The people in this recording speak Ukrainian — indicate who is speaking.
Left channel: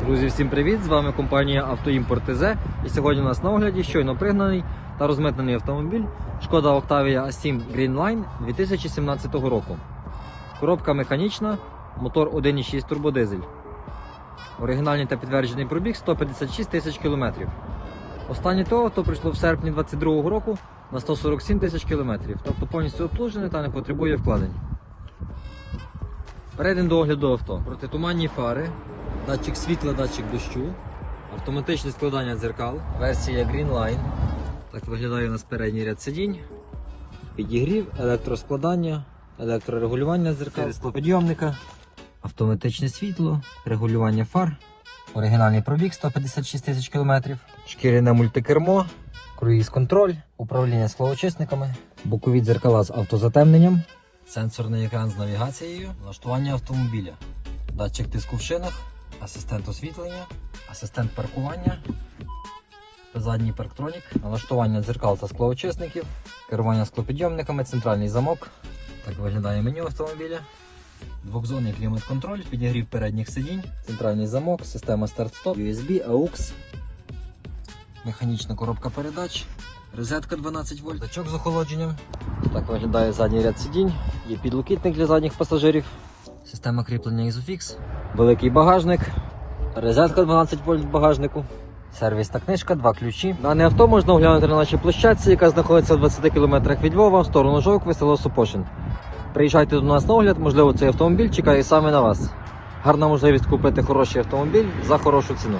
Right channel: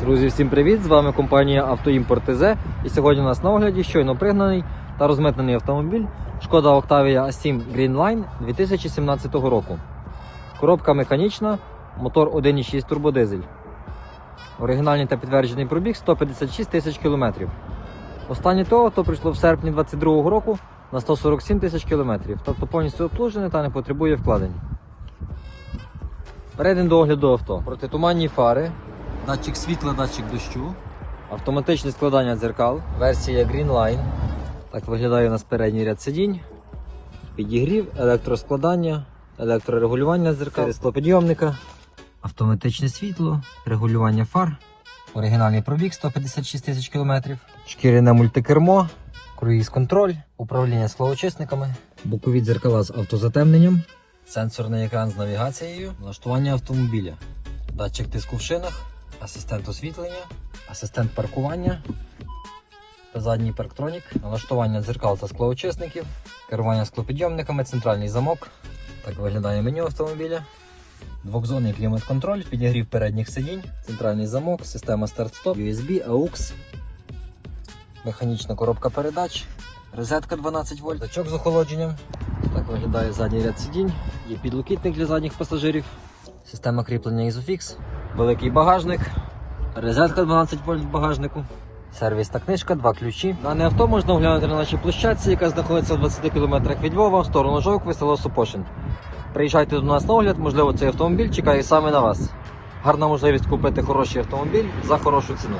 Speaker 1: Друзі, всім привіт! З вами компанія Автоімпорт ТЗ. І сьогодні у нас на огляді щойно пригнаний та розмитнений автомобіль Шкода Octavia A7 Greenline 2017 року. Коробка механічна, мотор 1.6 турбодизель. Оригінальний та підтверджений пробіг 156 тисяч кілометрів. Останнє то авто прийшло в серпні 2022 року на 147 тисяч кілометрів, тобто повністю обслужене та не потребує вкладень. Перейдемо до огляду авто. Протитуманні фари, датчик світла, датчик дощу, автоматичне складання дзеркал, версія Greenline. Так виглядає у нас передній ряд сидінь, підігрів, електроскладання, електрорегулювання дзеркал, склопідйомника, автоматичне світло, регулювання фар, оригінальний пробіг 156 тисяч кілометрів, шкіряне мультикермо, круїз контроль, управління склоочисниками, бокові дзеркала з автозатемненням, сенсорний екран з навігацією, налаштування автомобіля, датчик тиску в шинах, асистент освітлення, асистент паркування, задній парктронік, налаштування дзеркал та склоочисників, керування склопідйомниками, центральний замок. Так виглядає меню автомобіля. Двохзонний клімат-контроль, підігрів передніх сидінь, центральний замок, система старт-стоп, USB, AUX, механічна коробка передач, розетка 12 вольт, датчик з охолодженням. Так виглядає задній ряд сидінь, є підлокітник для задніх пасажирів, система кріплення Isofix, великий багажник, розетка 12 вольт в багажнику. Сервісна книжка, два ключі. Дане авто можна оглянути на нашій площадці, яка знаходиться в 20 км від Львова, в сторону Жовкви, село Супосин. Приїжджайте до нас на огляд, можливо, цей автомобіль чекає саме на вас. Гарна можливість купити хороший автомобіль за хорошу ціну.